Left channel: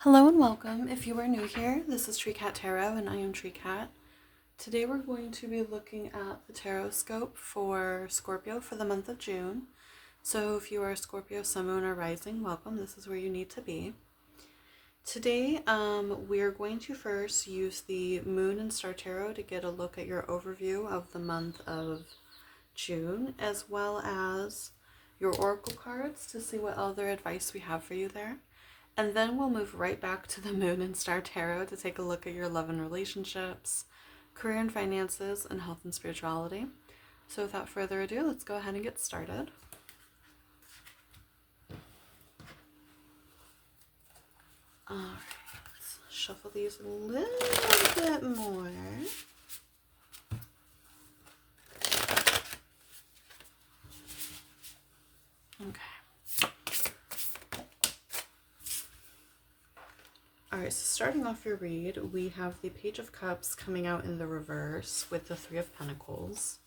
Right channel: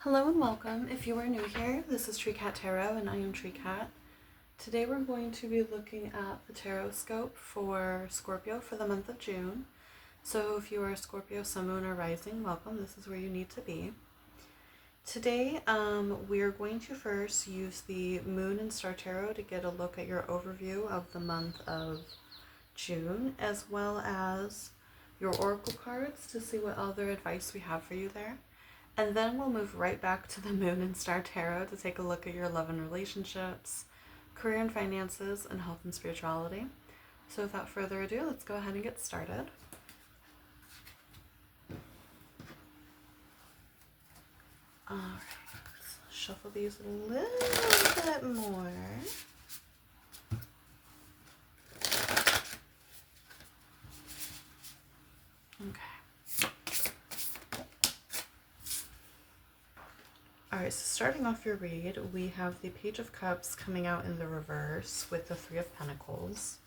Hello and welcome. If you are new here, this is Tree Cat Tarot and I am Tree Cat. Today we're going to be looking at the tarot scope for Scorpio for the month of June. So if you are a Scorpio, Sun, Moon, or Rising, welcome. This is where you need to be. Today we are going to first use the Moon and Star Tarot to get a look at your overview of the month of June, as well as your Oracle cards to see what other advice we have for you there. And then we'll move right back to the Moon and Star Tarot to take a look at your love and relationships, career and finances, and health and spirituality. So without further ado, let's go ahead and get started. All right, let's shuffle these a little bit more. Okay. All right, so starting off your read, we have the Page of Cups coming out in the reverse with the Three of Pentacles.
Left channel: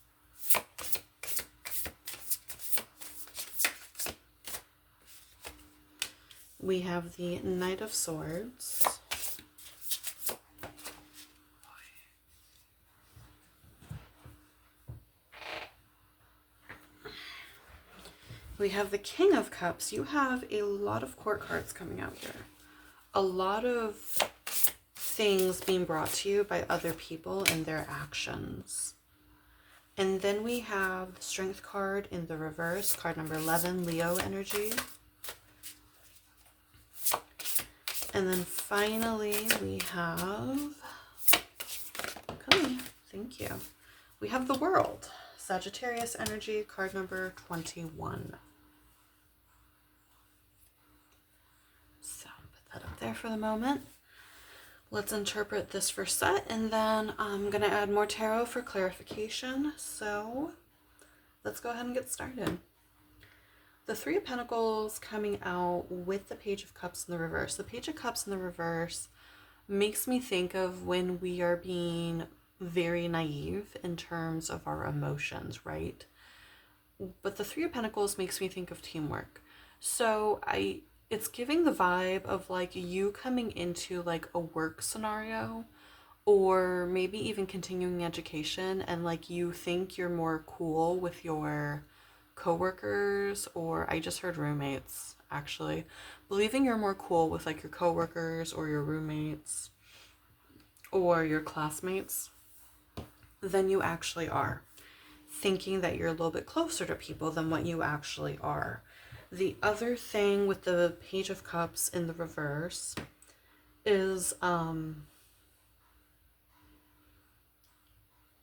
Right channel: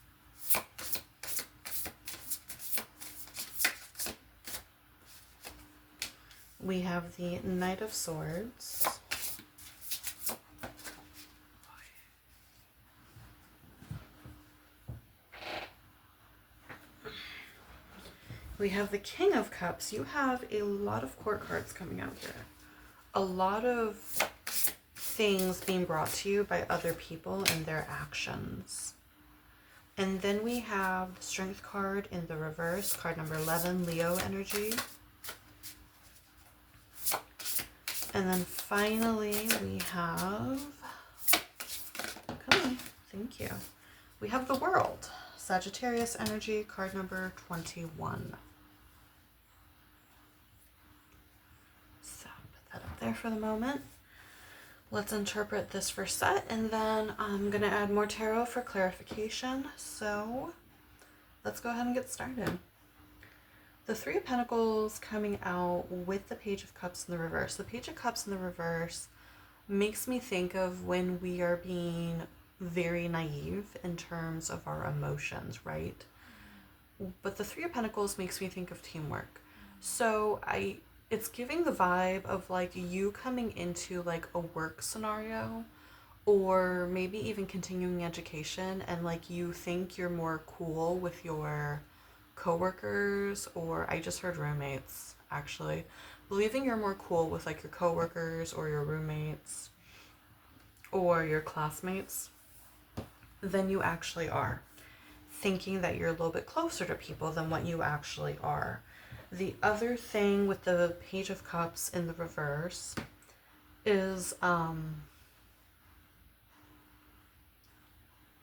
We have the Knight of Swords. We have the King of Cups. You have a lot of court cards coming out here. A lot of things being brought to you by other people and their actions. And then we have the Strength card in the reverse, card number 11, Leo energy. And then finally we have, okay, thank you. We have the World, Sagittarius energy, card number 21. So put that up there for the moment. Let's interpret this first set, and then I'm going to add more tarot for clarification. So let's go ahead and get started. The Three of Pentacles coming out with the Page of Cups in the reverse. The Page of Cups in the reverse makes me think of when we are being very naive in terms of our emotions, right? But the Three of Pentacles makes me think of teamwork. So it's giving the vibe of like you coming into like a work scenario or maybe even continuing education, and like you think you're more cool with your coworkers, or I just heard roommates actually, believing you're more cool with like your coworkers or your roommates or your classmates than you actually are, thinking that you're a little bit closer to people than what you actually are. The other thing with the Page of Cups in the reverse is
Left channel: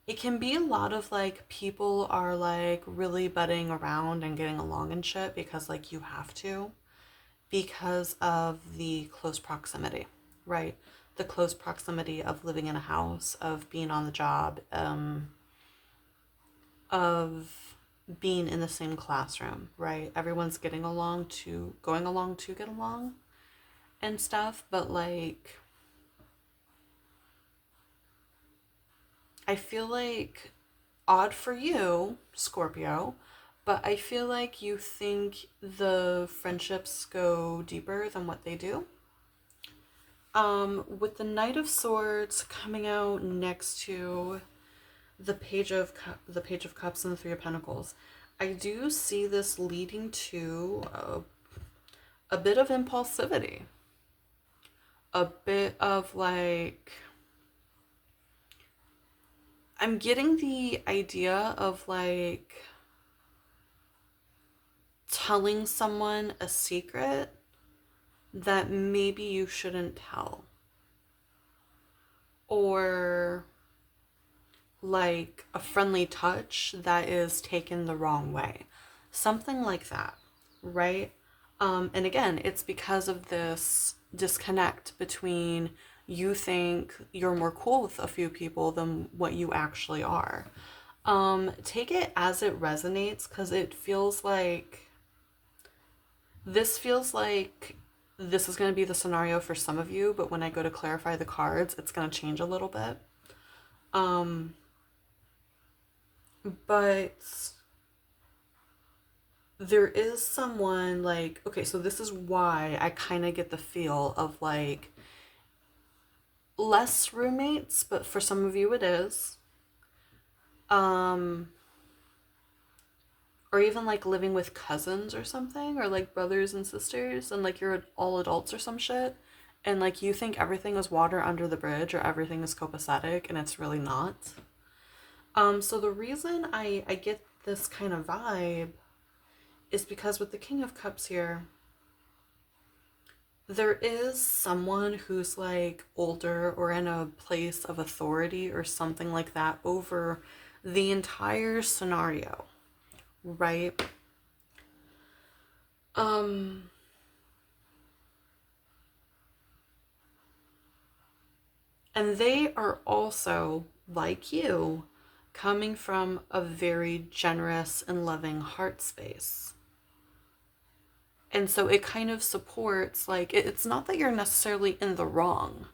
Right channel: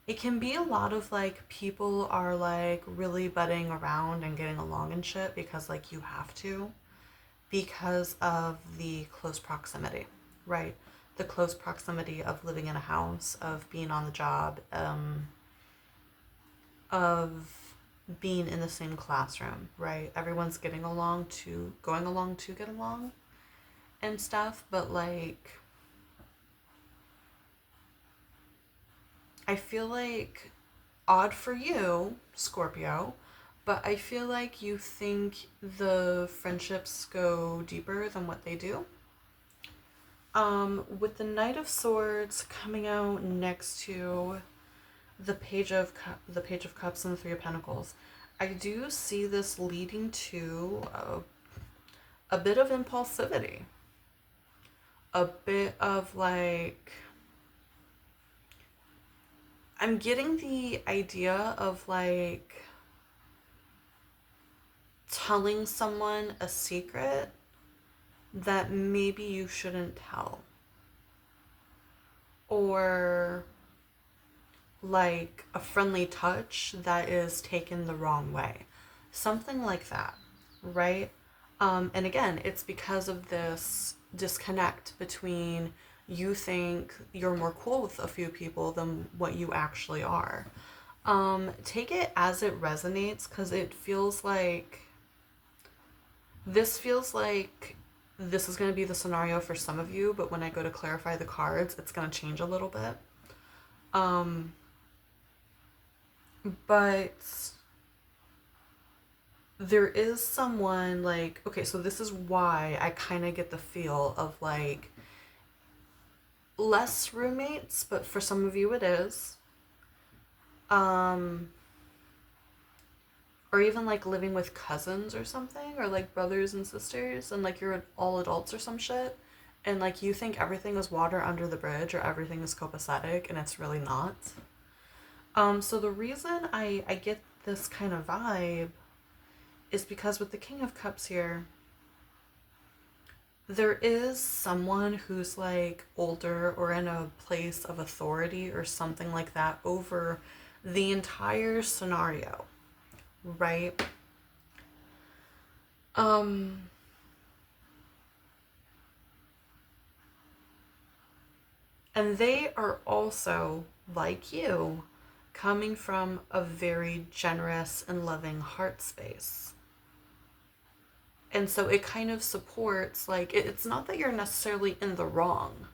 it can be a lot of like people are like really butting around and getting along and shit because like you have to, because of the close proximity, right? The close proximity of living in a house, of being on the job, of being in the same classroom, right? Everyone's going along to get along and stuff, but like I feel like, odd for you, Scorpio, but I feel like you think the friendships go deeper than what they do. With the Knight of Swords coming out next to the Page of Cups and the Three of Pentacles, I do see this leading to a bit of impulsivity, a bit of like, I'm getting the idea of like telling someone a secret that maybe you shouldn't tell, or like a friendly touch that is taken the wrong way, something like that, right? And again, it's because of this disconnect between you think you're more cool with a few people than what you actually are. Take it as it resonates, because it feels like this is going to be the scenario for some of you, but when I go to clarify the cards, it's going to change a little bit. But there is someone like, okay, so this is why I kind of get the feel of like less roommates, but for some of you it is. Um, or even like living with cousins or something, or like brothers and sisters, and like you're all adults or some shit, and like you think everything is water under the bridge or everything is copacetic, and it's really not. So the reason I get this kind of vibe is because with the King of Cups here, there is someone who's like older or in a place of authority or something like that over the entire scenario, right? Um, and they are also, like you, coming from a very generous and loving heart space. And so it kind of supports, like, it's not that you're necessarily in the wrong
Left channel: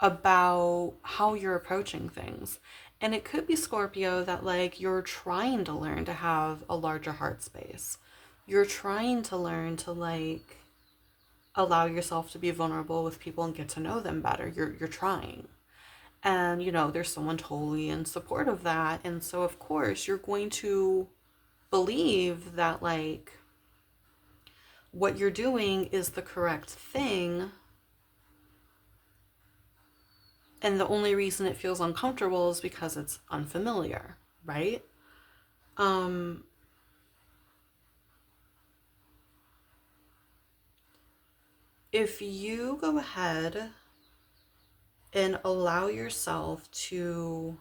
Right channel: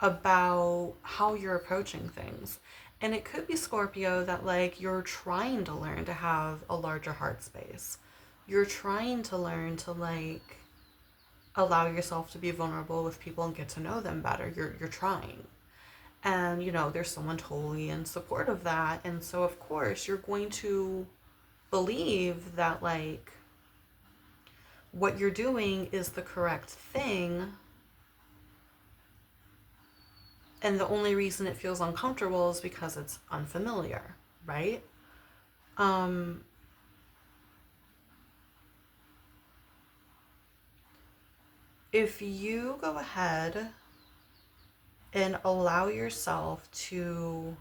about how you're approaching things. And it could be Scorpio that, like, you're trying to learn to have a larger heart space. You're trying to learn to, like, allow yourself to be vulnerable with people and get to know them better. You're trying. And, you know, there's someone totally in support of that. And so, of course, you're going to believe that, like, what you're doing is the correct thing. And the only reason it feels uncomfortable is because it's unfamiliar, right? Um, if you go ahead and allow yourself to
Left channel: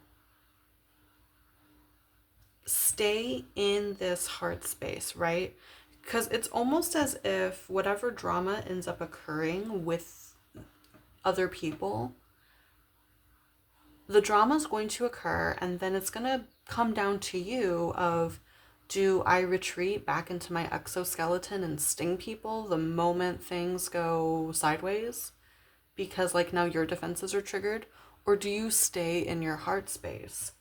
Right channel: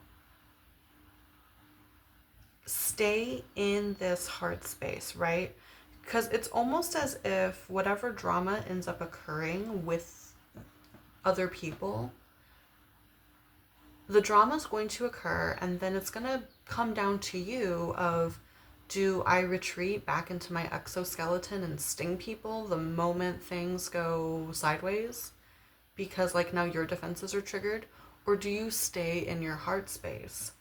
stay in this heart space, right? Because it's almost as if whatever drama ends up occurring with other people, the drama is going to occur, and then it's going to come down to you of, do I retreat back into my exoskeleton and sting people the moment things go sideways because like now your defenses are triggered, or do you stay in your heart space?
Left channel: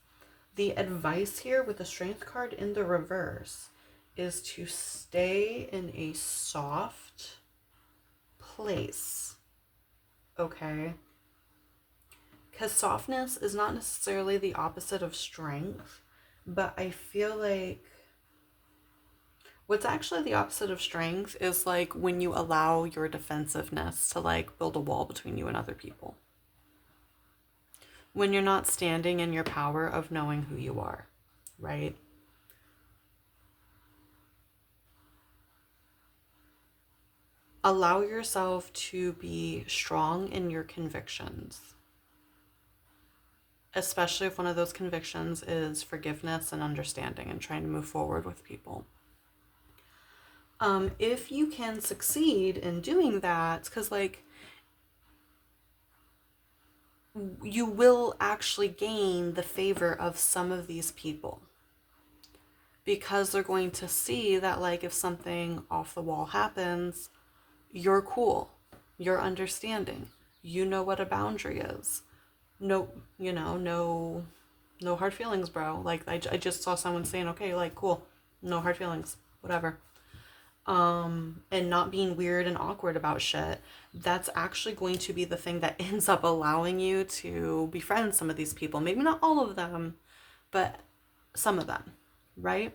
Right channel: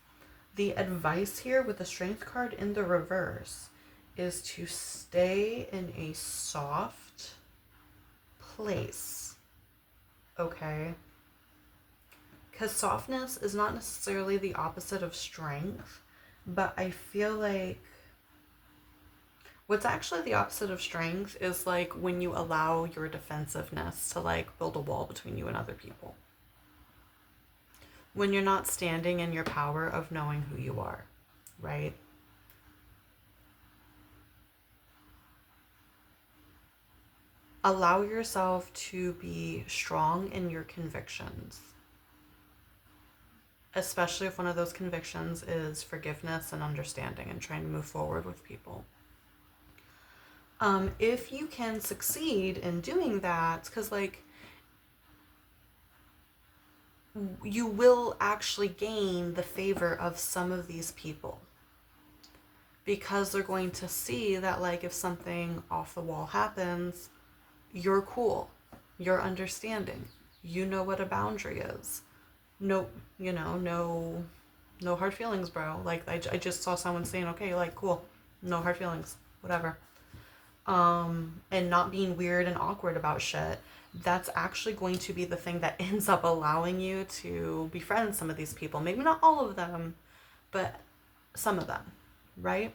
The advice here with the strength card in the reverse is to stay in a soft place, okay? Because softness is not necessarily the opposite of strength, but I feel like what's actually the opposite of strength is like when you allow your defensiveness to like build a wall between you and other people. When you're not standing in your power of knowing who you are, right? Allow yourself to be strong in your convictions, especially if one of those convictions is forgiveness and understanding and trying to move forward with people. If you can succeed in doing that, because like you will actually gain the favor of some of these people because they're going to see that like if something off the wall happens, you're cool, you're understanding, you know what a boundary is. No, you know, no hard feelings, bro. Like I just saw someone saying, okay, like cool, no hard feelings, whatever. And not being weird and awkward about shit, that's actually going to be the thing that ends up allowing you to befriend some of these people. Maybe not all of them, but some of them, right?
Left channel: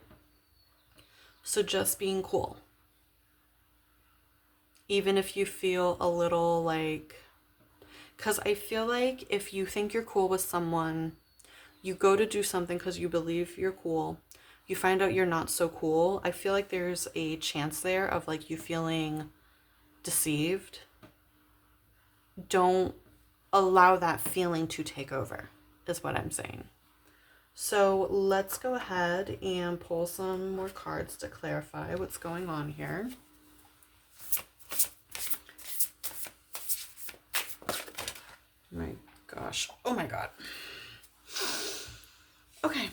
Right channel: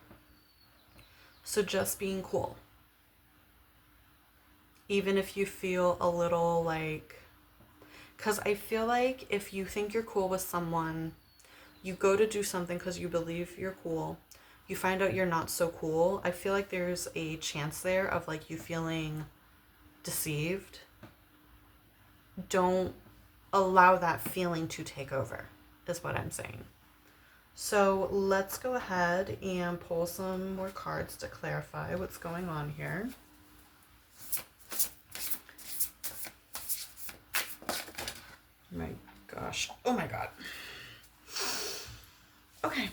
So just being cool. Even if you feel a little like, because I feel like if you think you're cool with someone, you go to do something because you believe you're cool, you find out you're not so cool. I feel like there's a chance there of like you feeling deceived. Don't allow that feeling to take over, is what I'm saying. So let's go ahead and pull some more cards to clarify what's going on here. My gosh. Oh my god. Okay.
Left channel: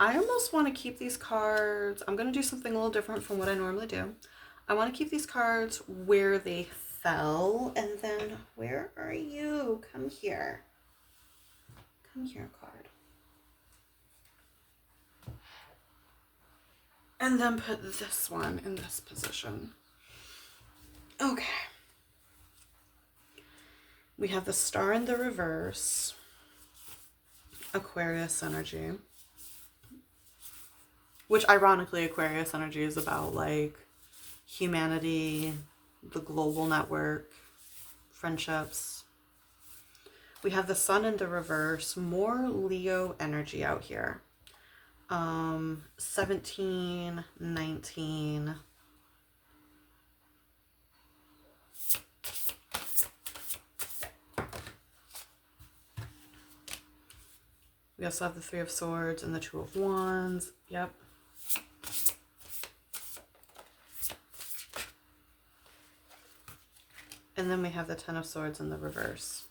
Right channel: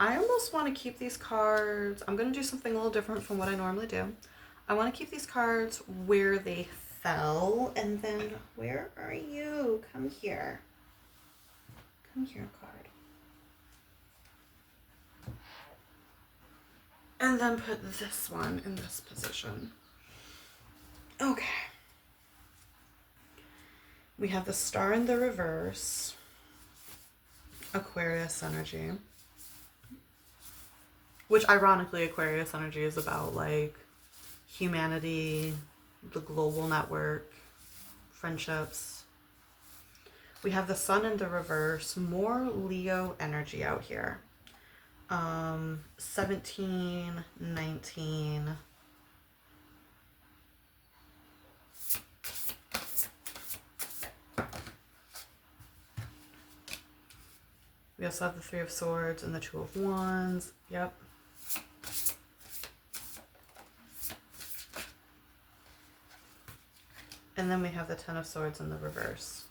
I almost want to keep these cards. I'm going to do something a little different from what I normally do. I want to keep these cards where they fell. And then, where are you? Come here. Come here, card. And then put this one in this position. Okay. We have the star in the reverse, Aquarius energy, which ironically Aquarius energy is about like humanity, the global network, friendships. We have the sun in the reverse, more Leo energy out here. 17, 19. We also have the Three of Swords and the Two of Wands. Yep. And then we have the Ten of Swords in the reverse.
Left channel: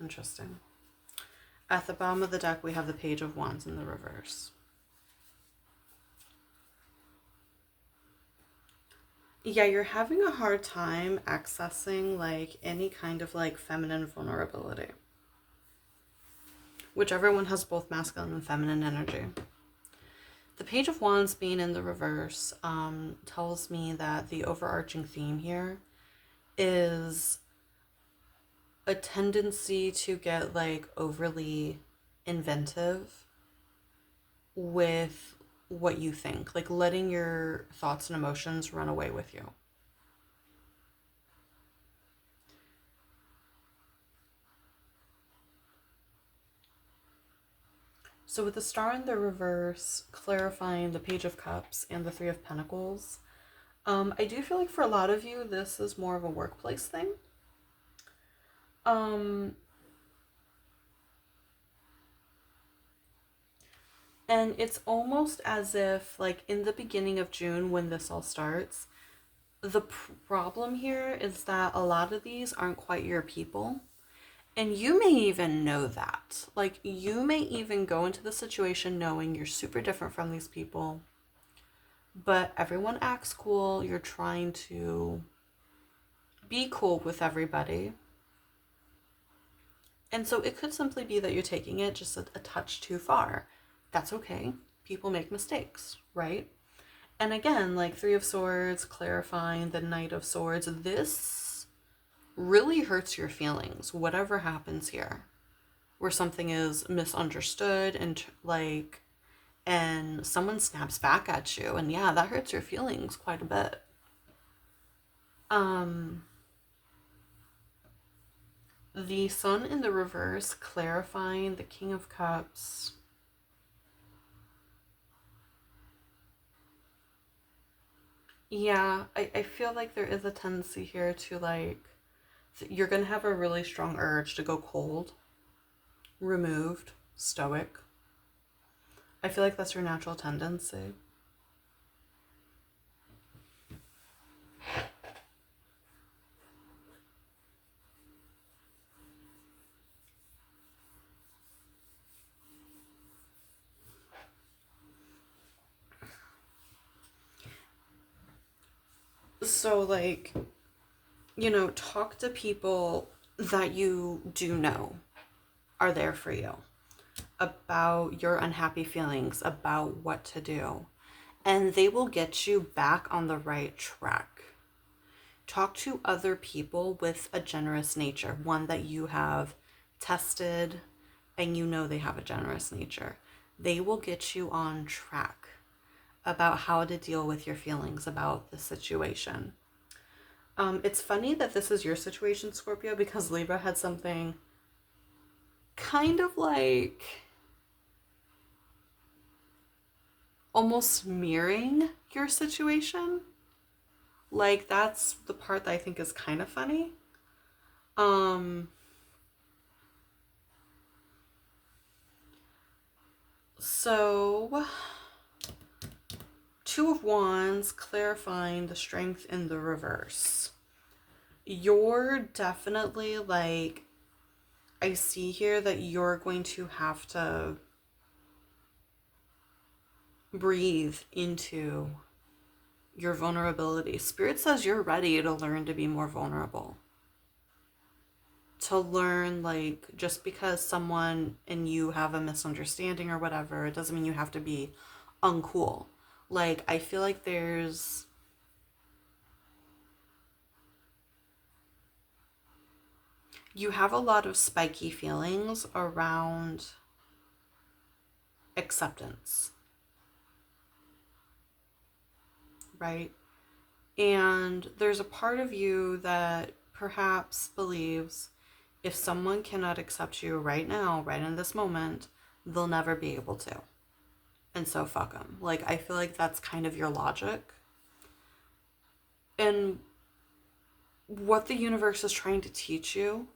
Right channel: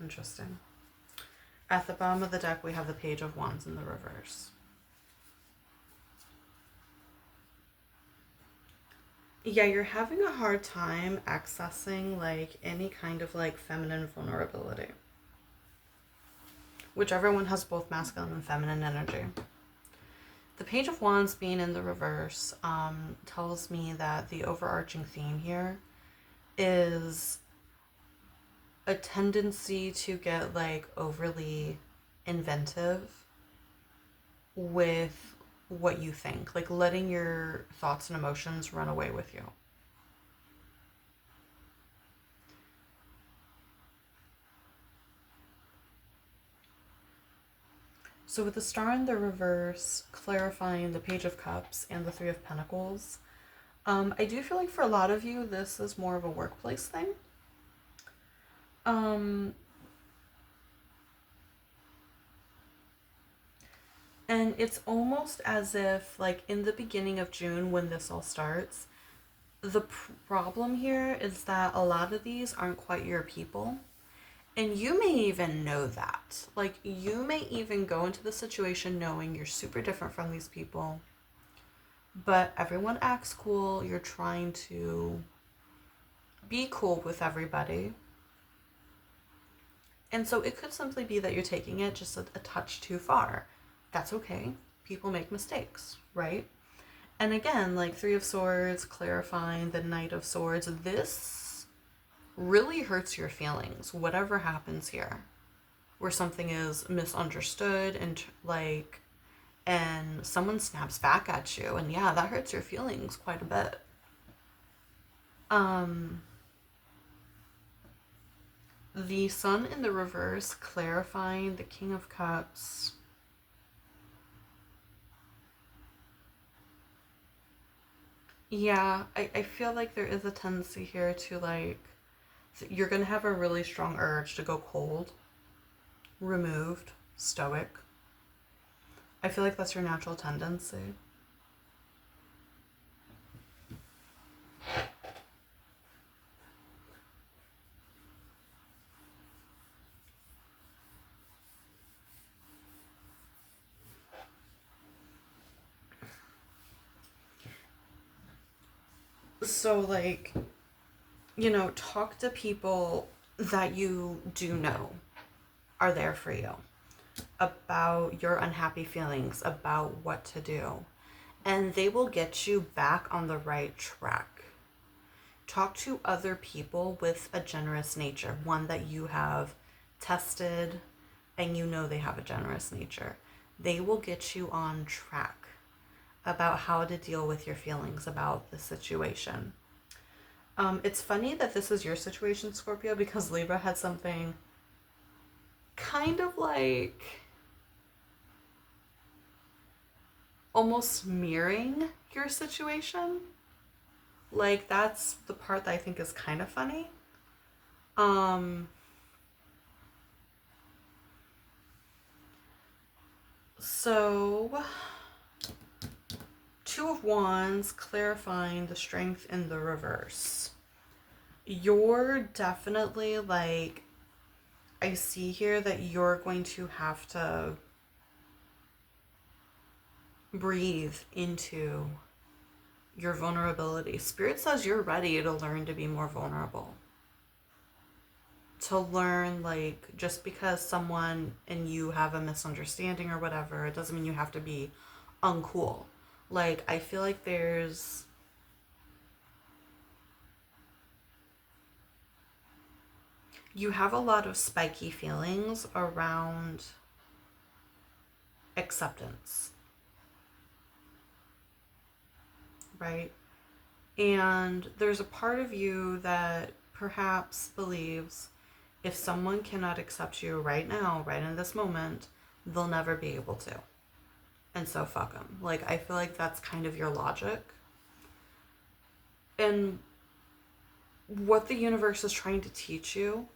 Interesting. At the bottom of the deck, we have the Page of Wands in the reverse. Yeah, you're having a hard time accessing like any kind of like feminine vulnerability. Whichever one has both masculine and feminine energy. The Page of Wands being in the reverse tells me that the overarching theme here is a tendency to get like overly inventive with what you think, like letting your thoughts and emotions run away with you. So with the star in the reverse, clarifying the Page of Cups and the Three of Pentacles, I do feel like for a lot of you, this is more of a workplace thing. And it's almost as if, like, in the beginning of June when this all starts, the problem here is that a lot of these aren't quite your people. And you may even know that. Like, you may even go into the situation knowing you're super different from these people, but everyone acts cool. You're trying to be cool with everybody. And so it could simply be that you're taking it just a touch too far. That's okay. People make mistakes, right? And again, like Three of Swords, clarifying the Knight of Swords, this really hurts your feelings, whatever happens here. Where something is misunderstood and like, and someone snaps back at you, and yeah, that hurts your feelings quite a bit. The Sun in the reverse, clarifying the King of Cups. Yeah, I feel like there is a tendency here to like, you're gonna have a really strong urge to go cold, removed, stoic. I feel like that's your natural tendency. So, like, talk to people that you do know are there for you about your unhappy feelings, about what to do, and they will get you back on the right track. Talk to other people with a generous nature, one that you have tested and you know they have a generous nature. They will get you on track about how to deal with your feelings about the situation. It's funny that this is your situation, Scorpio, because Libra had something kind of like almost mirroring your situation. Like, that's the part that I think is kind of funny. Um, so, Two of Wands, clarifying the Strength in the reverse. You're definitely like, I see here that you're going to have to breathe into your vulnerability. Spirit says you're ready to learn to be more vulnerable. To learn, like, just because someone and you have a misunderstanding or whatever, it doesn't mean you have to be uncool. Like, I feel like you have a lot of spiky feelings around acceptance, right? And there's a part of you that perhaps believes if someone cannot accept you right now, right in this moment, they'll never be able to. And so fuck them. Like, I feel like that's kind of your logic. And what the universe is trying to teach you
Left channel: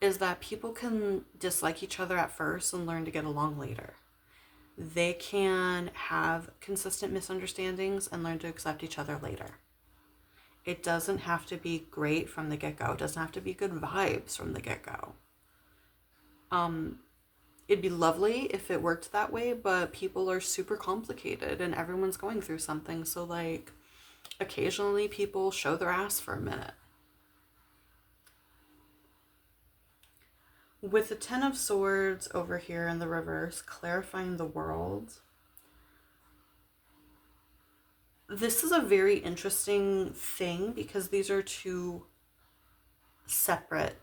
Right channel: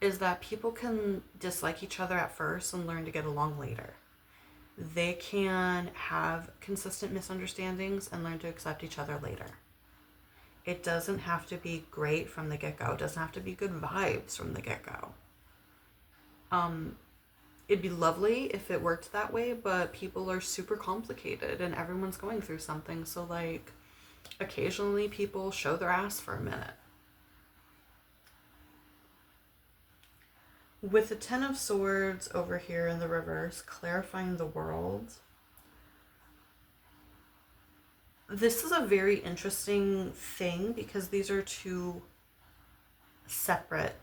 is that people can dislike each other at first and learn to get along later. They can have consistent misunderstandings and learn to accept each other later. It doesn't have to be great from the get go. It doesn't have to be good vibes from the get go. Um, it'd be lovely if it worked that way, but people are super complicated and everyone's going through something. So, like, occasionally people show their ass for a minute. With the Ten of Swords over here in the reverse, clarifying the world, this is a very interesting thing because these are two separate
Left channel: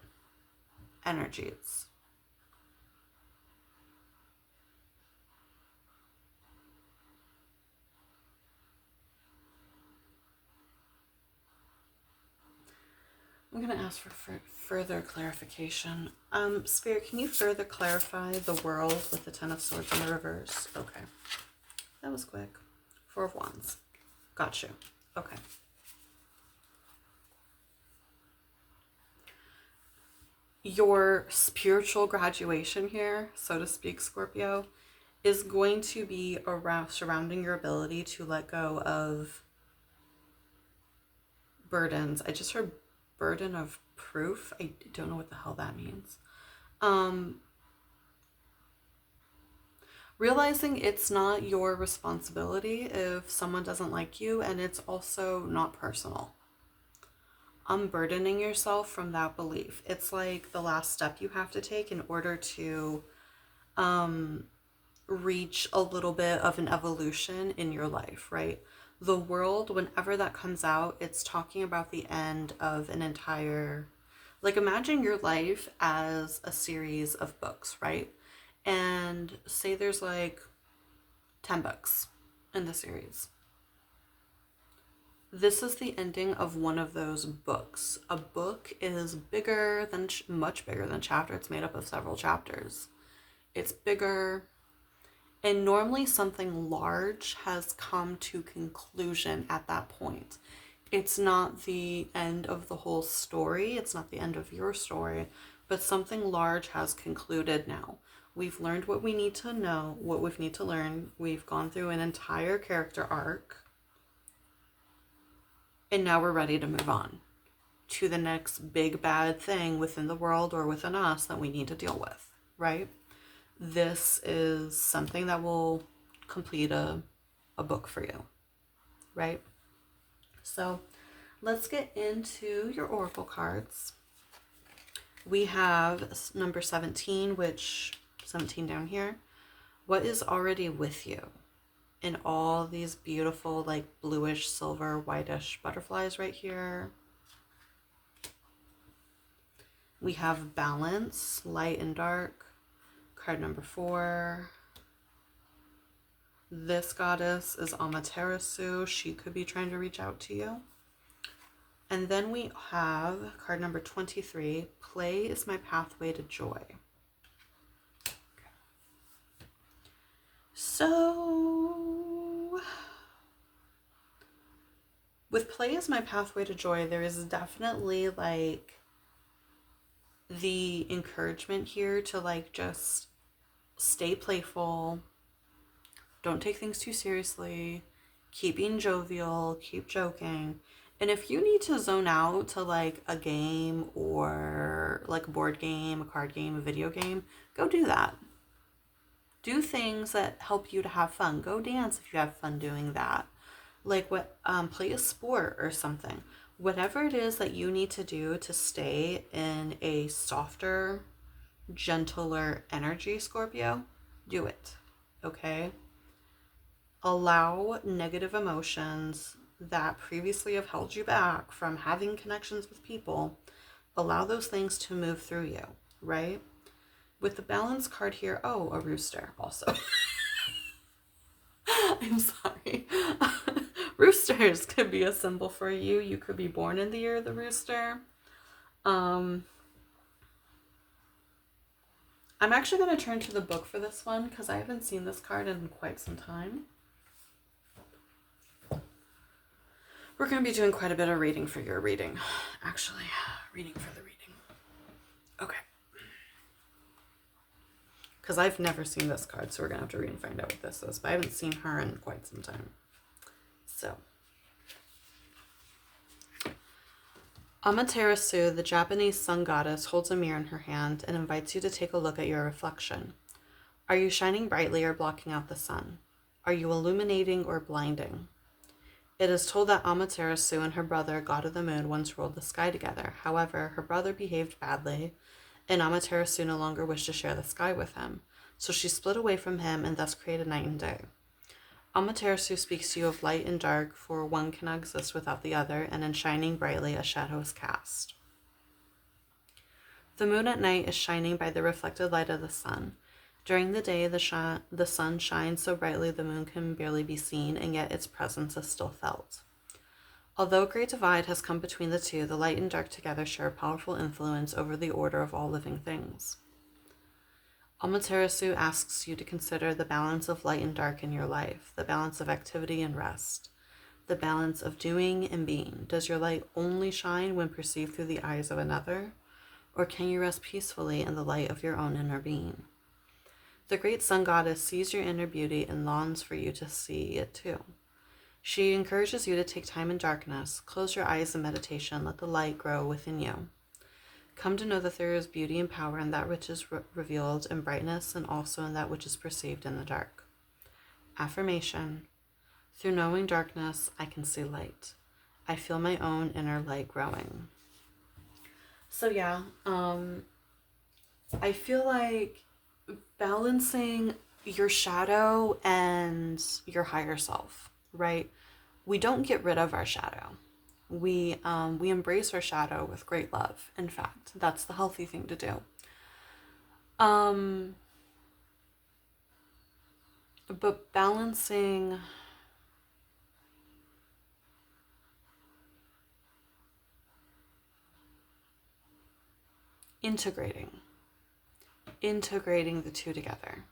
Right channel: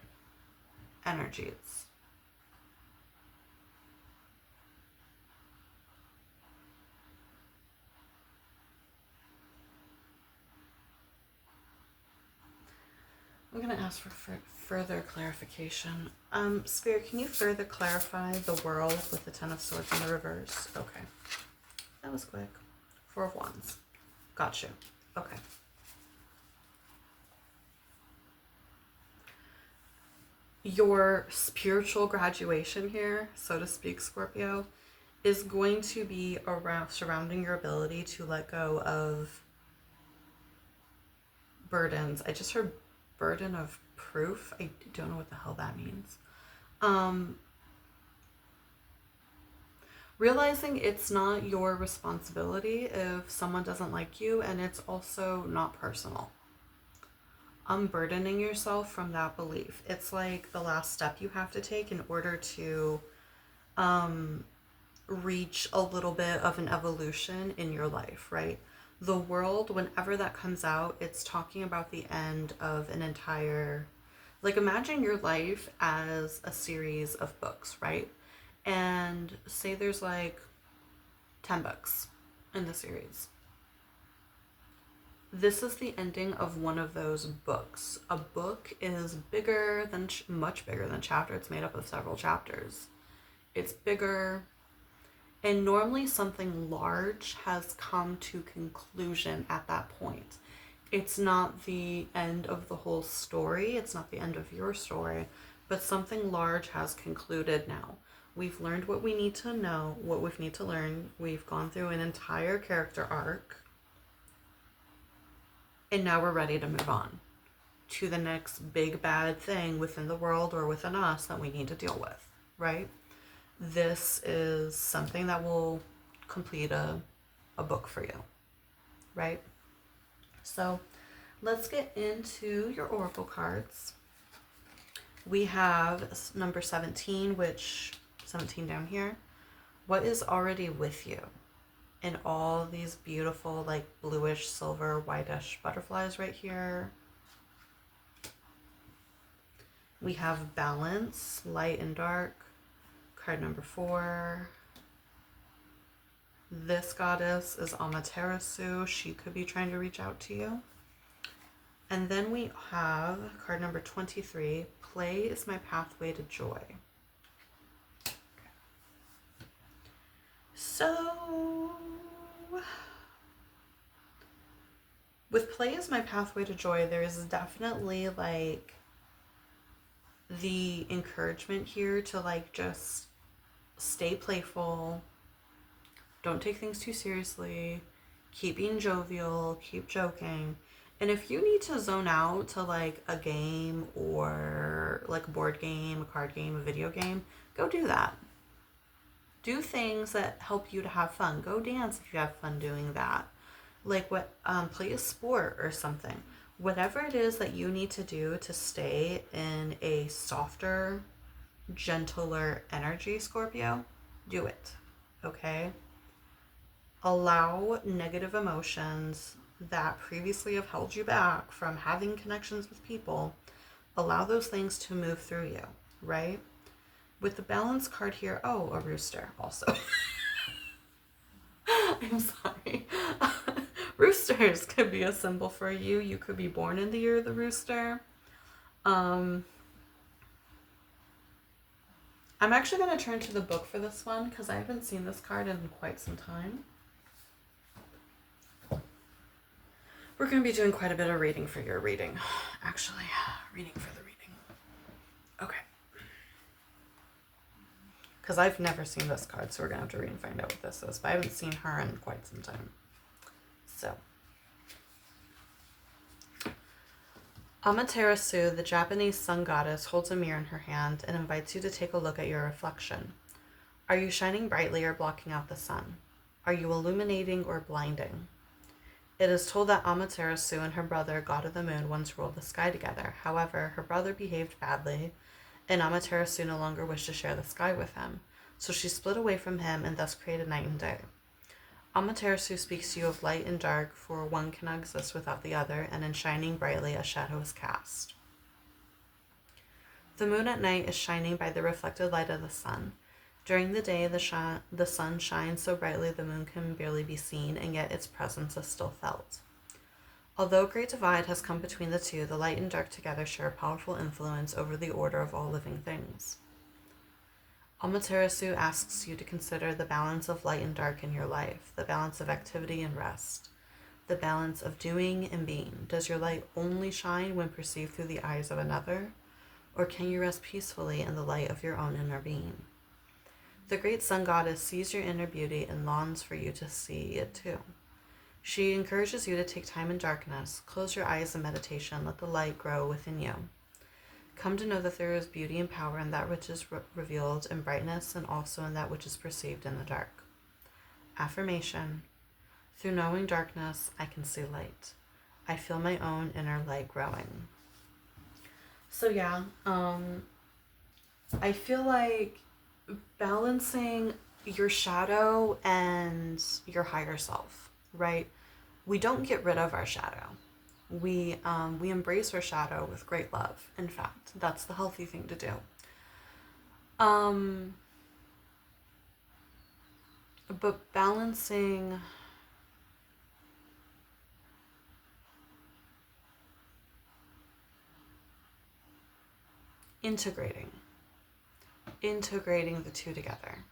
energies. I'm going to ask for further clarification. Spirit, can you further clarify the world with the Ten of Swords in the reverse? Okay. That was quick. Four of Wands. Got you. Okay. Your spiritual graduation here, so to speak, Scorpio, is going to be around surrounding your ability to let go of burdens. I just heard burden of proof. I don't know what the hell that means. Um, Realizing it's not your responsibility if someone doesn't like you, and it's also not personal. Unburdening yourself from that belief. It's like the last step you have to take in order to um, reach a little bit of an evolution in your life, right? The world, whenever that comes out, it's talking about the end of an entire, like, imagine your life as a series of books, right? And say there's like 10 books in the series. This is the ending of one of those books. A book is bigger than, much bigger than chapter. It's made up of several chapters. It's bigger. And normally something large has come to conclusion at that point. It's not the end of the whole story. It's not the end of your story, but something large has concluded now. We've learned what we need to know, what we need to learn. We've gone through an entire character arc. And now we're ready to move on to the next big bad thing within the world or within us that we need to deal with, right? This is something that will complete a book for you, right? So let's get into your oracle cards. We have number 17, which 17 down here. What is already with you? And all these beautiful, like, bluish, silver, whitish butterflies right here. We have balance, light and dark. Card number 4. This goddess is Amaterasu. She could be trying to reach out to you. And then we have card number 23. Play is my pathway to joy. Okay. So, with play is my pathway to joy, there is definitely, like, the encouragement here to, like, just stay playful, don't take things too seriously, keep being jovial, keep joking. And if you need to zone out to, like, a game or like a board game, a card game, a video game, go do that. Do things that help you to have fun. Go dance if you have fun doing that. Like, what, play a sport or something. Whatever it is that you need to do to stay in a softer, gentler energy, Scorpio, do it. Okay? Allow negative emotions that previously have held you back from having connections with people, allow those things to move through you, right? With the balance card here, oh, a rooster also. I'm sorry. Roosters could be a symbol for you. You could be born in the year of the rooster. I'm actually going to turn to the book for this one because I haven't seen this card in quite some time. We're going to be doing quite a bit of reading for your reading. Actually, reading for the reading. Okay. Because I've never seen this card, so we're going to have to read and find out what this is. But I haven't seen her in quite some time. So. Amaterasu, the Japanese sun goddess, holds a mirror in her hand and invites you to take a look at your reflection. Are you shining brightly or blocking out the sun? Are you illuminating or blinding? It is told that Amaterasu and her brother, god of the moon, once ruled the sky together. However, her brother behaved badly, and Amaterasu no longer wished to share the sky with him, so she split away from him and thus created night and day. Amaterasu speaks to you of light and dark, for one cannot exist without the other, and in shining brightly a shadow is cast. The moon at night is shining by the reflected light of the sun. During the day, the sun shines so brightly the moon can barely be seen, and yet its presence is still felt. Although a great divide has come between the two, the light and dark together share a powerful influence over the order of all living things. Amaterasu asks you to consider the balance of light and dark in your life, the balance of activity and rest, the balance of doing and being. Does your light only shine when perceived through the eyes of another, or can you rest peacefully in the light of your own inner being? The great sun goddess sees your inner beauty and longs for you to see it too. She encourages you to take time in darkness, close your eyes in meditation, let the light grow within you. Come to know that there is beauty and power in that which is revealed in brightness and also in that which is perceived in the dark. Affirmation: through knowing darkness, I can see light. I feel my own inner light growing. So yeah, I feel like balancing your shadow and your higher self, right? We don't get rid of our shadow. We embrace our shadow with great love. In fact, that's the healthy thing to do. But balancing integrating the two together.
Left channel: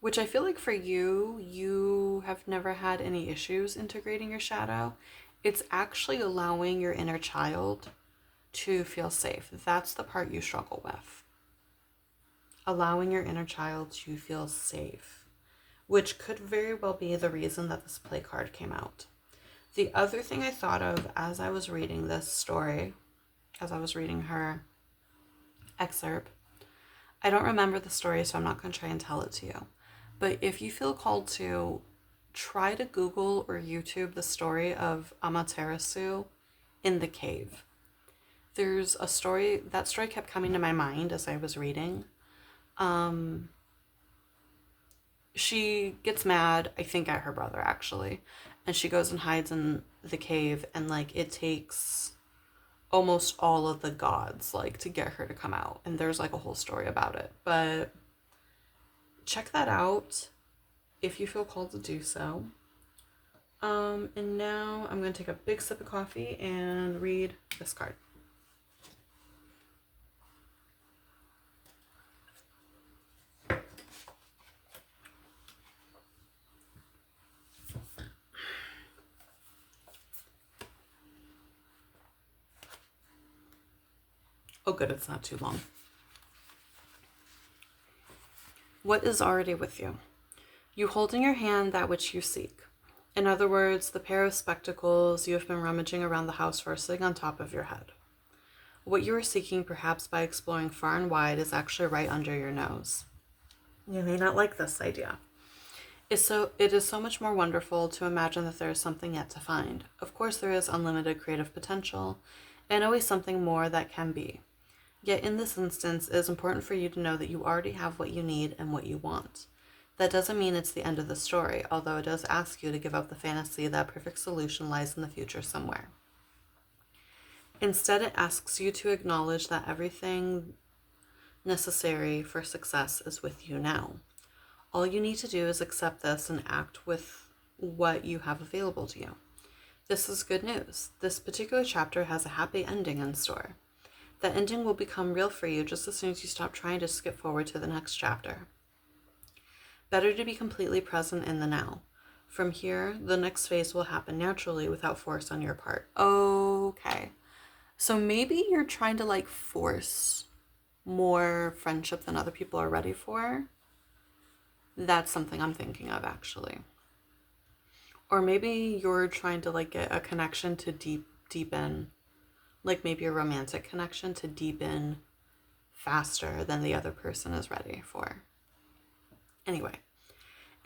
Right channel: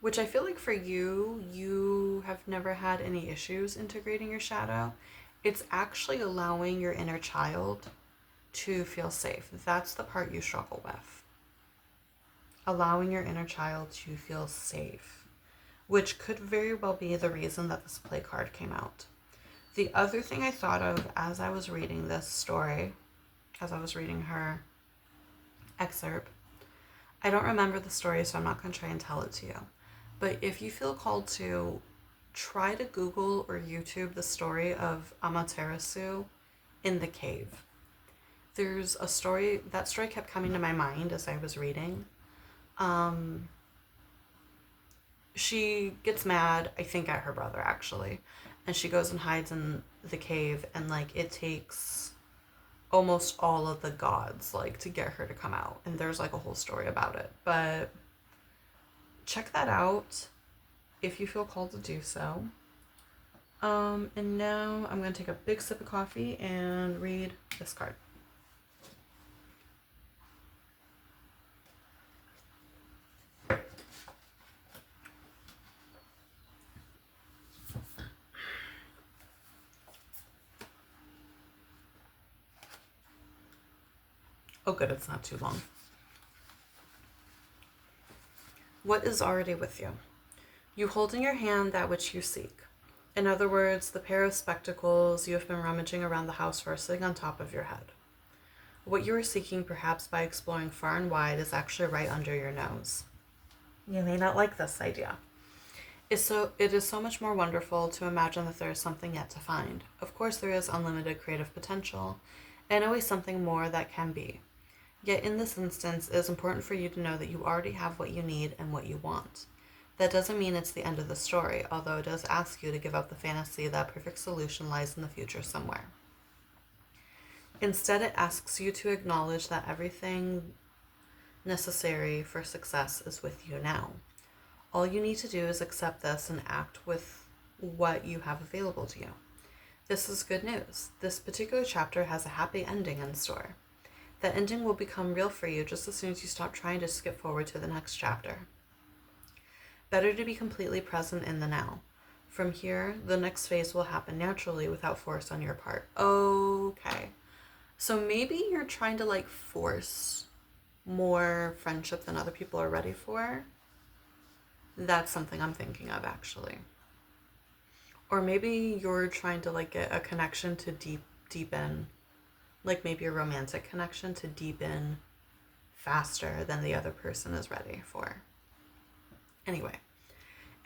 Which I feel like for you, you have never had any issues integrating your shadow. It's actually allowing your inner child to feel safe. That's the part you struggle with. Allowing your inner child to feel safe, which could very well be the reason that this play card came out. The other thing I thought of as I was reading this story, as I was reading her excerpt, I don't remember the story, so I'm not going to try and tell it to you. But if you feel called to, try to Google or YouTube the story of Amaterasu in the cave. There's a story, that story kept coming to my mind as I was reading. She gets mad, I think at her brother actually, and she goes and hides in the cave, and like it takes almost all of the gods like to get her to come out, and there's like a whole story about it. But check that out if you feel called to do so. And now I'm going to take a big sip of coffee and read this card. Oh good, it's not too long. What is already with you? You hold in your hand that which you seek. In other words, the pair of spectacles you have been rummaging around the house for sitting on top of your head. What you are seeking, perhaps by exploring far and wide, is actually right under your nose. You may not like this idea. It is so much more wonderful to imagine that there is something yet to find. Of course, there is unlimited creative potential, and always something more that can be. Yet in this instance, it is important for you to know that you already have what you need and what you want. That doesn't mean it's the end of the story, although it does ask you to give up the fantasy that a perfect solution lies in the future somewhere. Instead, it asks you to acknowledge that everything necessary for success is with you now. All you need to do is accept this and act with what you have available to you. This is good news. This particular chapter has a happy ending in store. That ending will become real for you just as soon as you stop trying to skip forward to the next chapter. Better to be completely present in the now. From here, the next phase will happen naturally without force on your part. Okay. So maybe you're trying to force more friendship than other people are ready for. That's something I'm thinking of, actually. Or maybe you're trying to get a connection to deepen, maybe a romantic connection to deepen faster than the other person is ready for. Anyway,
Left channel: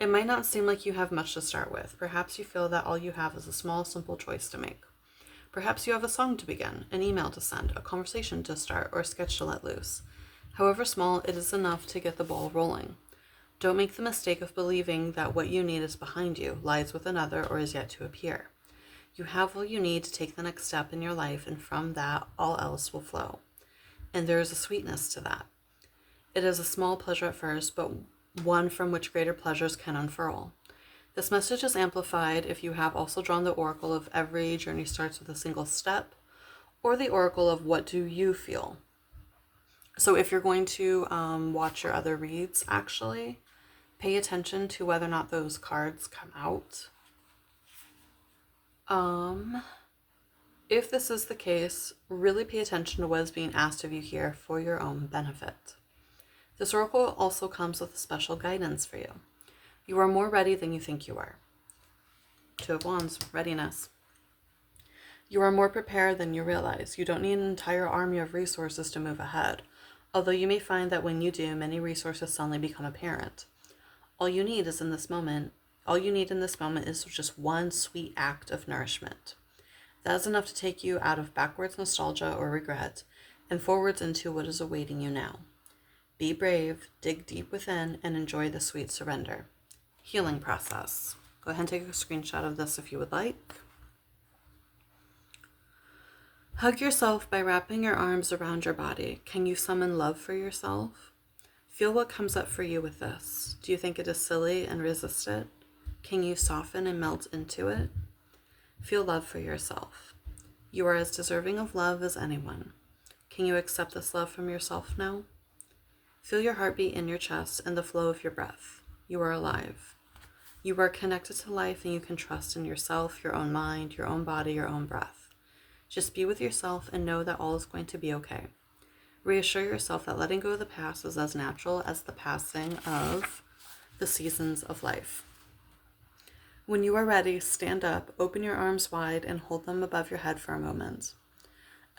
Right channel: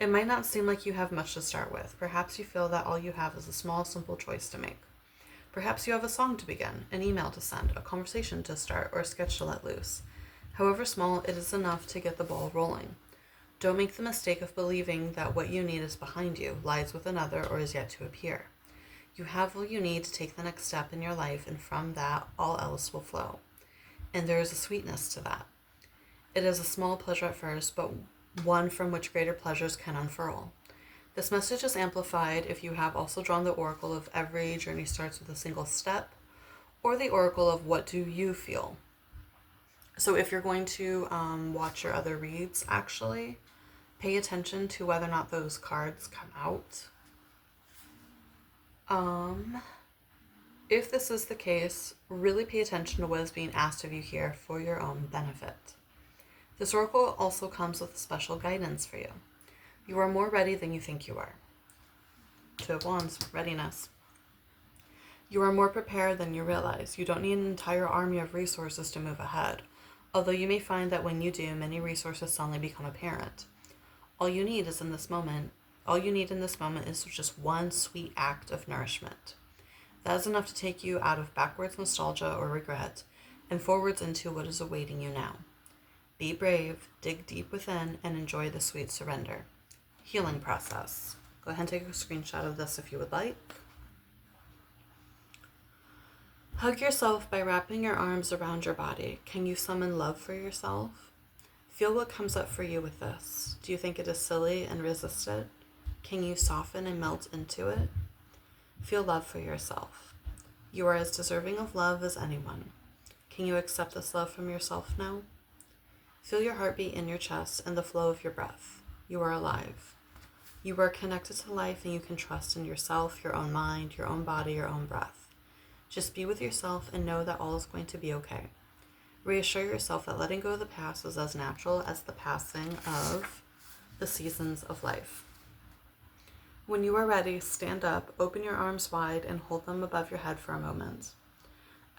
it might not seem like you have much to start with. Perhaps you feel that all you have is a small, simple choice to make. Perhaps you have a song to begin, an email to send, a conversation to start, or a sketch to let loose. However small, it is enough to get the ball rolling. Don't make the mistake of believing that what you need is behind you, lies with another, or is yet to appear. You have what you need to take the next step in your life, and from that, all else will flow. And there is a sweetness to that. It is a small pleasure at first, but one from which greater pleasures can unfurl. This message is amplified if you have also drawn the oracle of every journey starts with a single step, or the oracle of what do you feel. So if you're going to watch your other reads, actually, pay attention to whether or not those cards come out. If this is the case, really pay attention to what is being asked of you here for your own benefit. This oracle also comes with special guidance for you. You are more ready than you think you are. Two of Wands, readiness. You are more prepared than you realize. You don't need an entire army of resources to move ahead, although you may find that when you do, many resources suddenly become apparent. All you need in this moment is just one sweet act of nourishment. That is enough to take you out of backwards nostalgia or regret and forwards into what is awaiting you now. Be brave, dig deep within, and enjoy the sweet surrender. Healing process. Go ahead and take a screenshot of this if you would like. Hug yourself by wrapping your arms around your body. Can you summon love for yourself? Feel what comes up for you with this. Do you think it is silly and resist it? Can you soften and melt into it? Feel love for yourself. You are as deserving of love as anyone. Can you accept this love from yourself now? Feel your heartbeat in your chest and the flow of your breath. You are alive. You are connected to life and you can trust in yourself, your own mind, your own body, your own breath. Just be with yourself and know that all is going to be okay. Reassure yourself that letting go of the past is as natural as the passing of the seasons of life. When you are ready, stand up, open your arms wide, and hold them above your head for a moment.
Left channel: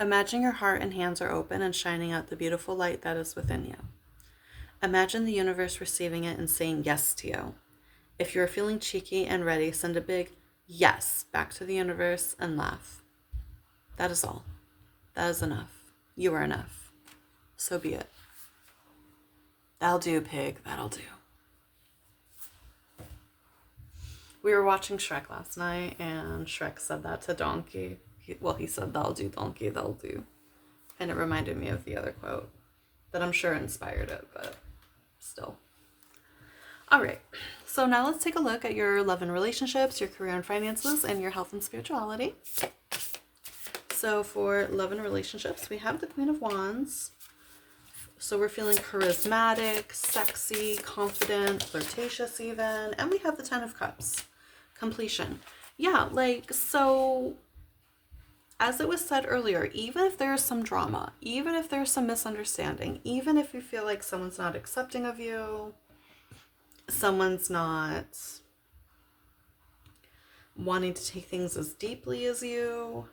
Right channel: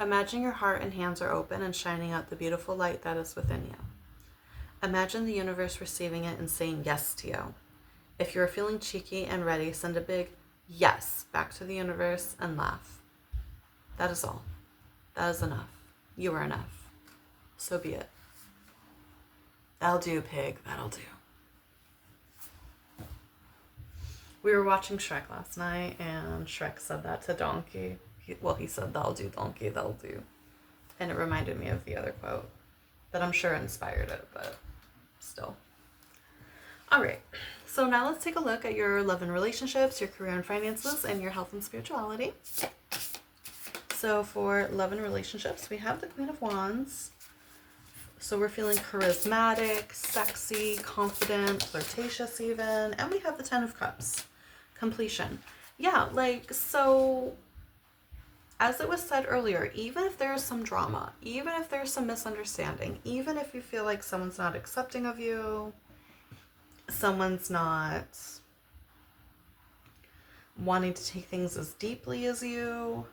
Imagine your heart and hands are open and shining out the beautiful light that is within you. Imagine the universe receiving it and saying yes to you. If you're feeling cheeky and ready, send a big yes back to the universe and laugh. That is all. That is enough. You are enough. So be it. That'll do, pig. That'll do. We were watching Shrek last night, and Shrek said that to Donkey. He said, that'll do, Donkey, that'll do. And it reminded me of the other quote that I'm sure inspired it, but still. All right. So now let's take a look at your love and relationships, your career and finances, and your health and spirituality. So for love and relationships, we have the Queen of Wands. So we're feeling charismatic, sexy, confident, flirtatious even. And we have the Ten of Cups. Completion. Yeah, so as it was said earlier, even if there's some drama, even if there's some misunderstanding, even if you feel like someone's not accepting of you, someone's not wanting to take things as deeply as you,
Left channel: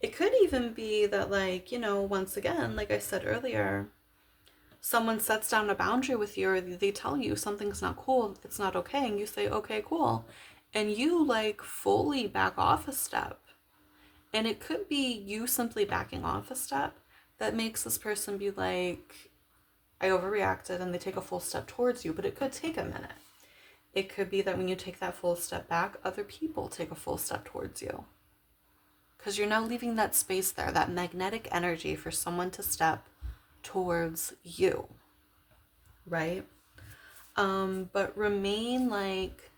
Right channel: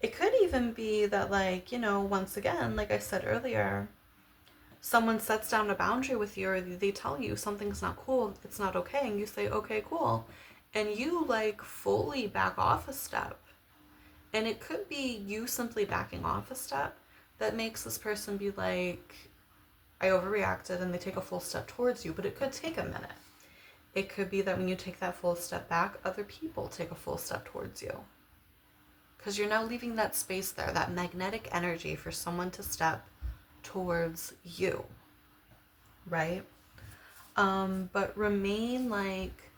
it could even be that, once again, like I said earlier, someone sets down a boundary with you, or they tell you something's not cool, it's not okay, and you say, okay, cool, and you fully back off a step. And it could be you simply backing off a step that makes this person be like, I overreacted, and they take a full step towards you, but it could take a minute. It could be that when you take that full step back, other people take a full step towards you. Because you're now leaving that space there, that magnetic energy for someone to step towards you, right? But remain like,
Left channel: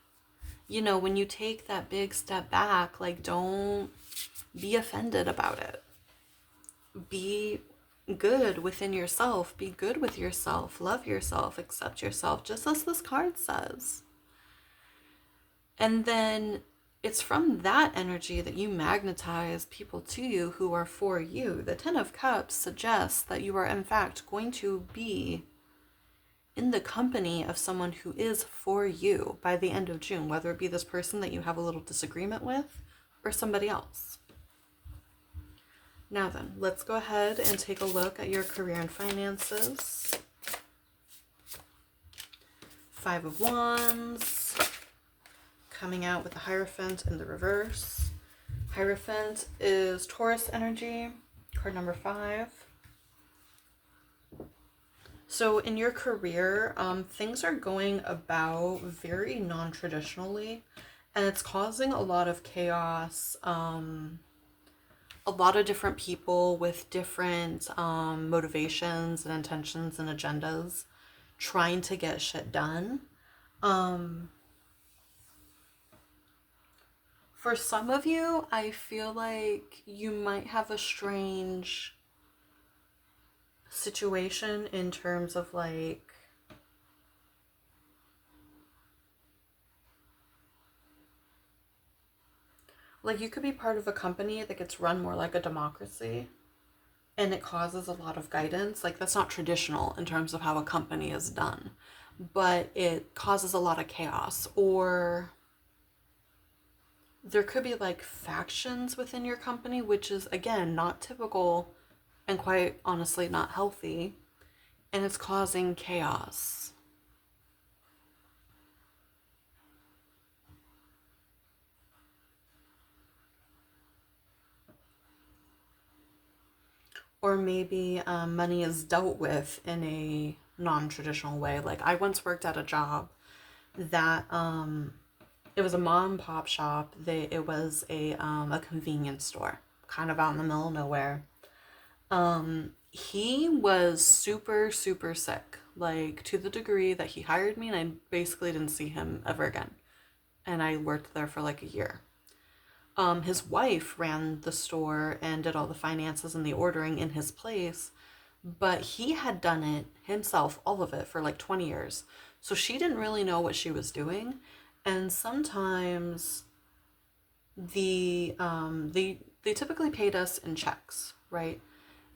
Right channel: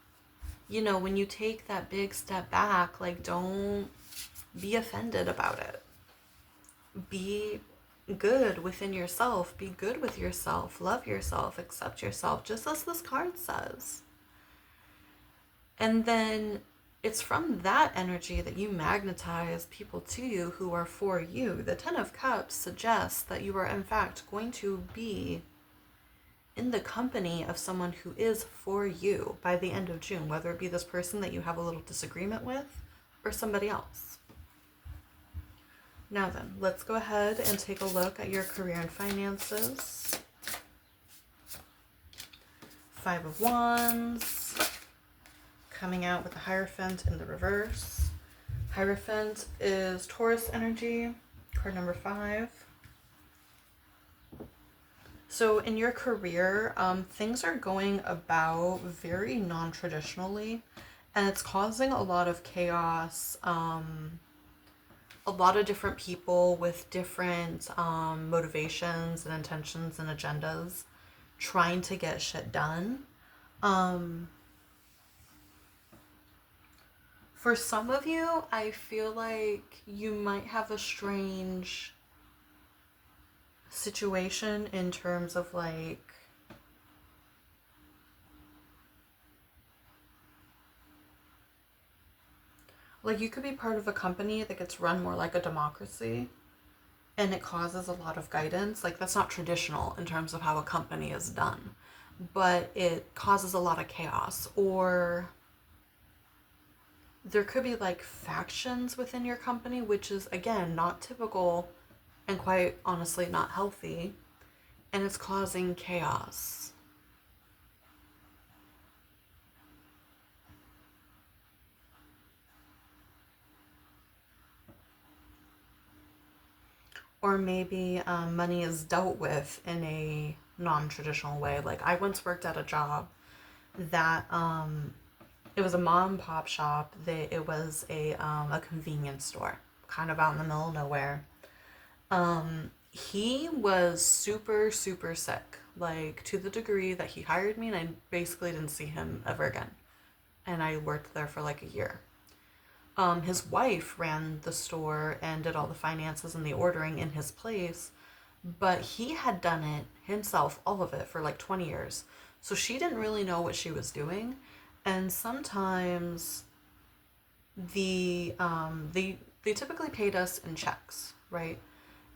when you take that big step back, like, don't be offended about it. Be good within yourself. Be good with yourself. Love yourself. Accept yourself, just as this card says. And then it's from that energy that you magnetize people to you who are for you. The Ten of Cups suggests that you are, in fact, going to be in the company of someone who is for you by the end of June, whether it be this person that you have a little disagreement with or somebody else. Now then, let's go ahead and take a look at your career and finances. Five of Wands, coming out with the Hierophant in the reverse. Hierophant is Taurus energy, card number 5. So in your career, things are going about very non-traditionally, and it's causing a lot of chaos. A lot of different people with different motivations and intentions and agendas trying to get shit done. For some of you, I feel like you might have a strange situation in terms of like you could be part of a company that gets run more like a democracy, and it causes a lot of guidance. Like, that's not traditional in terms of how a company is done, but it causes a lot of chaos. Or there could be like factions within your company, which is, again, not typical and quite honestly not healthy, and it's causing chaos. Or maybe money is dealt with in a non-traditional way. Like, I once worked at a job that it was a mom and pop shop. It was a convenience store, kind of out in the middle of nowhere. He was super super sick, like to the degree that he hired me, and I basically didn't see him ever again. And I worked there for like a year. His wife ran the store and did all the finances and the ordering in his place, but he had done it himself, all of it, for like 20 years. So she didn't really know what she was doing. And sometimes they typically paid us in checks, right?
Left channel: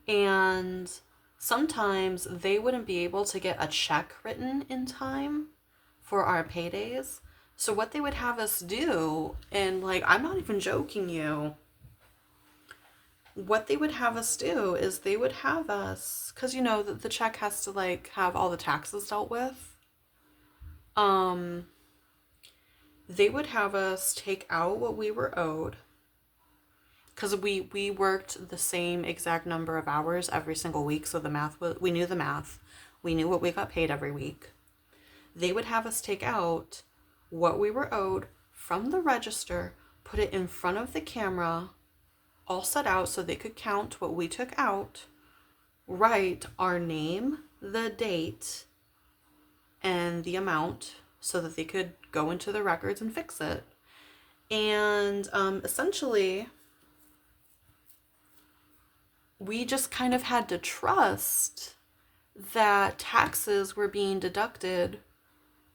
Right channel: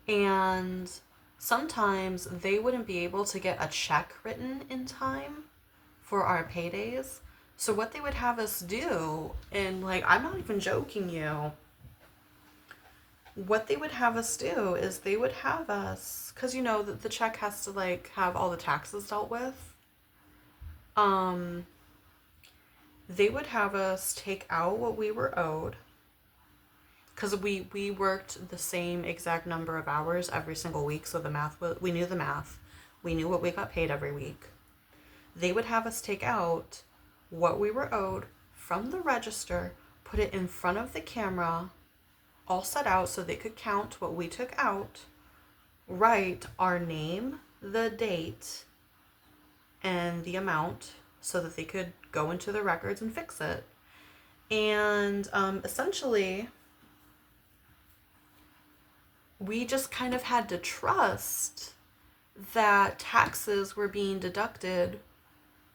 And sometimes they wouldn't be able to get a check written in time for our paydays. So what they would have us do, and like, I'm not even joking you, what they would have us do is they would have us, because the check has to like have all the taxes dealt with. Um, they would have us take out what we were owed, because we worked the same exact number of hours every single week, so the math was, we knew the math, we knew what we got paid every week. They would have us take out what we were owed from the register, put it in front of the camera, all set out so they could count what we took out, write our name, the date, and the amount so that they could go into the records and fix it. And essentially, we just kind of had to trust that taxes were being deducted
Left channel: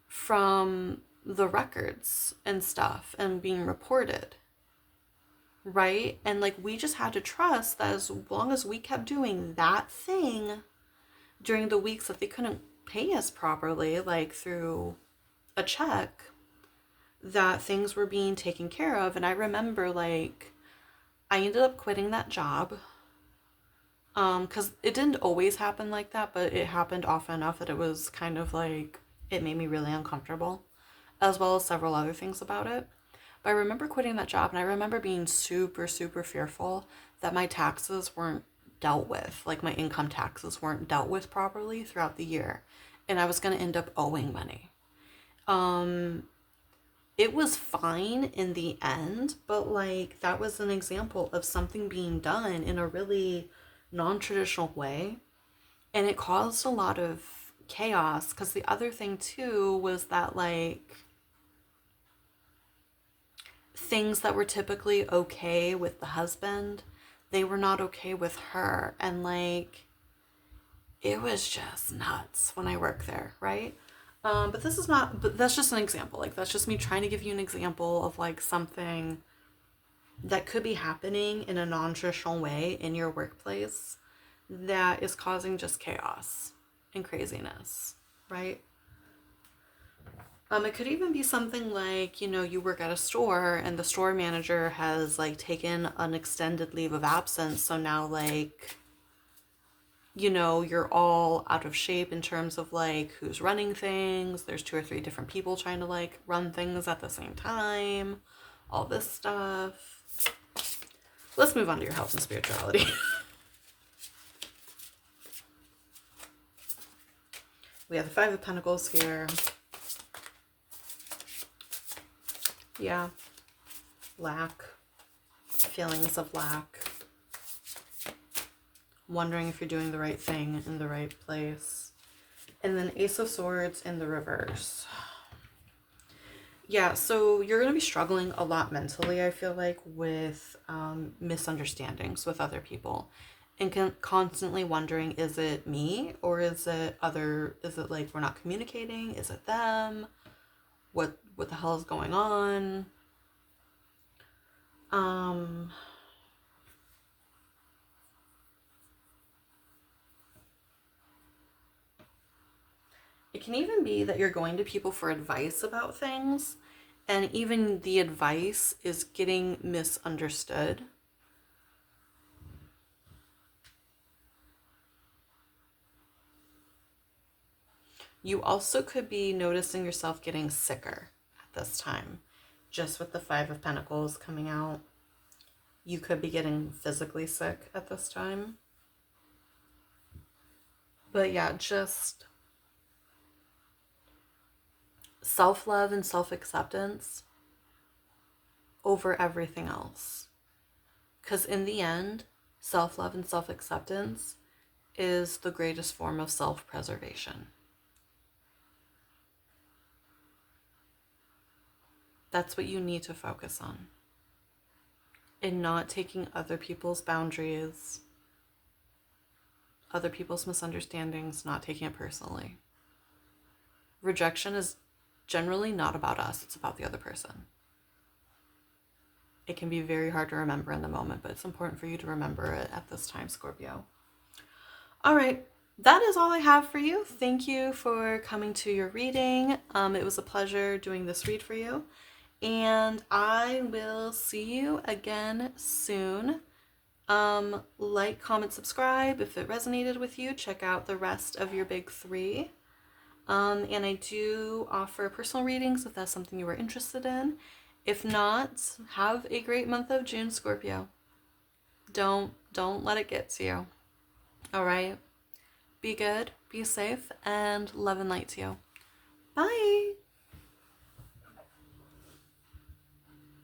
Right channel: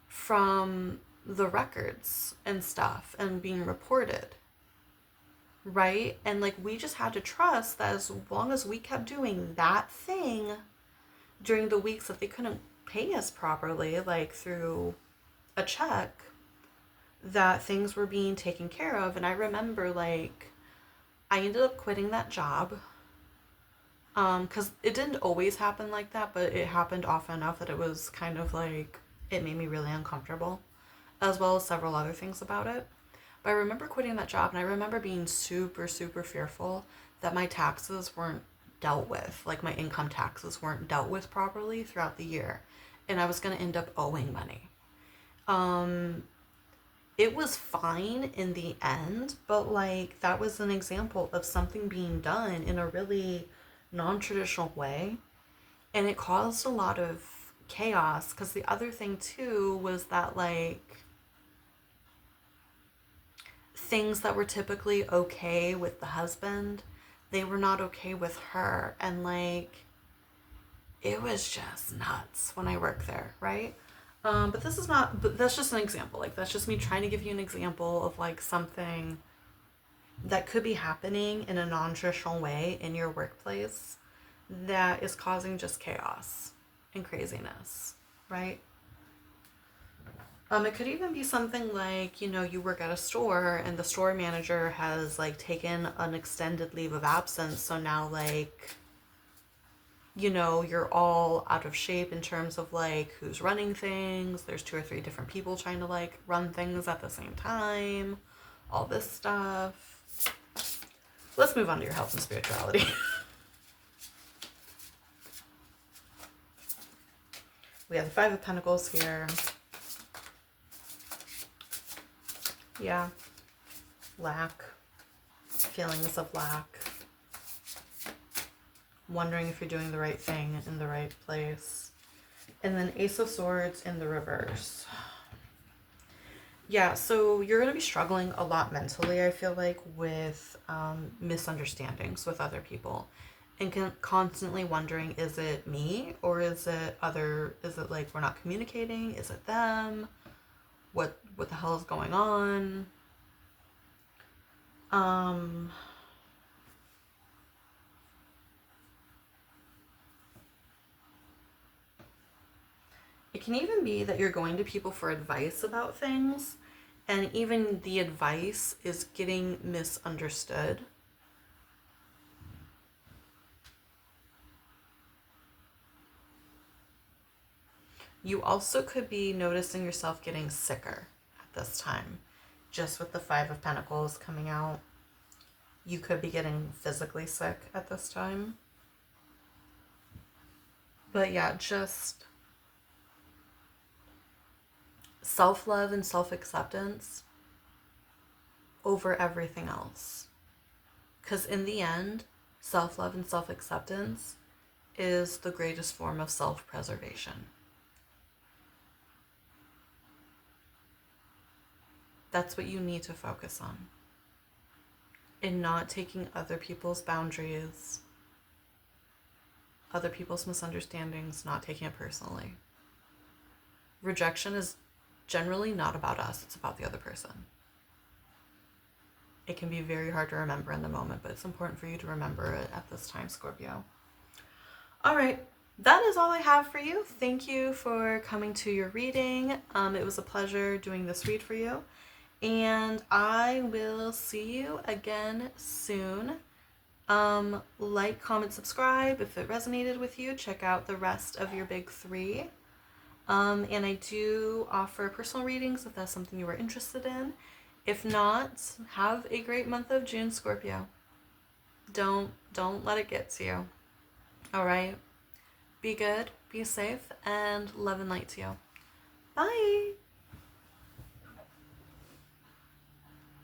from the records and stuff and being reported, right? And like, we just had to trust that as long as we kept doing that thing during the weeks that they couldn't pay us properly, like through a check, that things were being taken care of. And I remember, like, I ended up quitting that job because it didn't always happen like that, but it happened often enough that it was kind of like, it made me really uncomfortable, as well as several other things about it. But I remember quitting that job, and I remember being super super fearful that my taxes weren't dealt with. Like my income taxes weren't dealt with properly throughout the year, and I was going to end up owing money. Um, it was fine in the end, but like that was an example of something being done in a really non-traditional way, and it caused a lot of chaos because the other thing too was that like things that were typically okay with the husband, they were not okay with her, and like it was just nuts when I worked there, right? But this is not, but that's just an example. Like, that's just me trying to give you an example of like something that could be happening in a non traditional way in your workplace that is causing just chaos and craziness, right? It could even be something like, you know, you work at a store and the store manager has like taken an extended leave of absence. So now, like, you know, you're all out of shape in terms of like who's running things. There's two or three different people trying to like run things at the same time, all this stuff. Let's move on to your health and spirituality. We have the Five of Pentacles here. Yeah, lack, feelings of lack, wondering if you're doing the right thing in the right place. And then Ace of Swords in the reverse. Yeah, so you're going to be struggling a lot mentally, I feel like, with misunderstandings with other people. And constantly wondering, is it me or is it other, is it like we're not communicating? Is it them? What the hell is going on? Um, it can even be that you're going to people for advice about things, and even the advice is getting misunderstood. You also could be noticing yourself getting sicker at this time, just with the Five of Pentacles coming out. You could be getting physically sick at this time. But yeah, just self-love and self-acceptance over everything else. Because in the end, self-love and self-acceptance is the greatest form of self-preservation. That's what you need to focus on. In not taking other people's boundaries, other people's misunderstandings, not taking it personally. Rejection is generally not about us, it's about the other person. It can be very hard to remember in the moment, but it's important for you to remember it at this time, Scorpio. All right, that is all I have for you. Thank you for coming to your reading. It was a pleasure doing this read for you. And I will see you again soon. Like, comment, subscribe if it resonated with you. Check out the rest of your big three. And I do offer personal readings if that's something you were interested in. If not, have a great month of June, Scorpio. Don't let it get to you. All right? Be good, be safe, and love and light to you. Bye!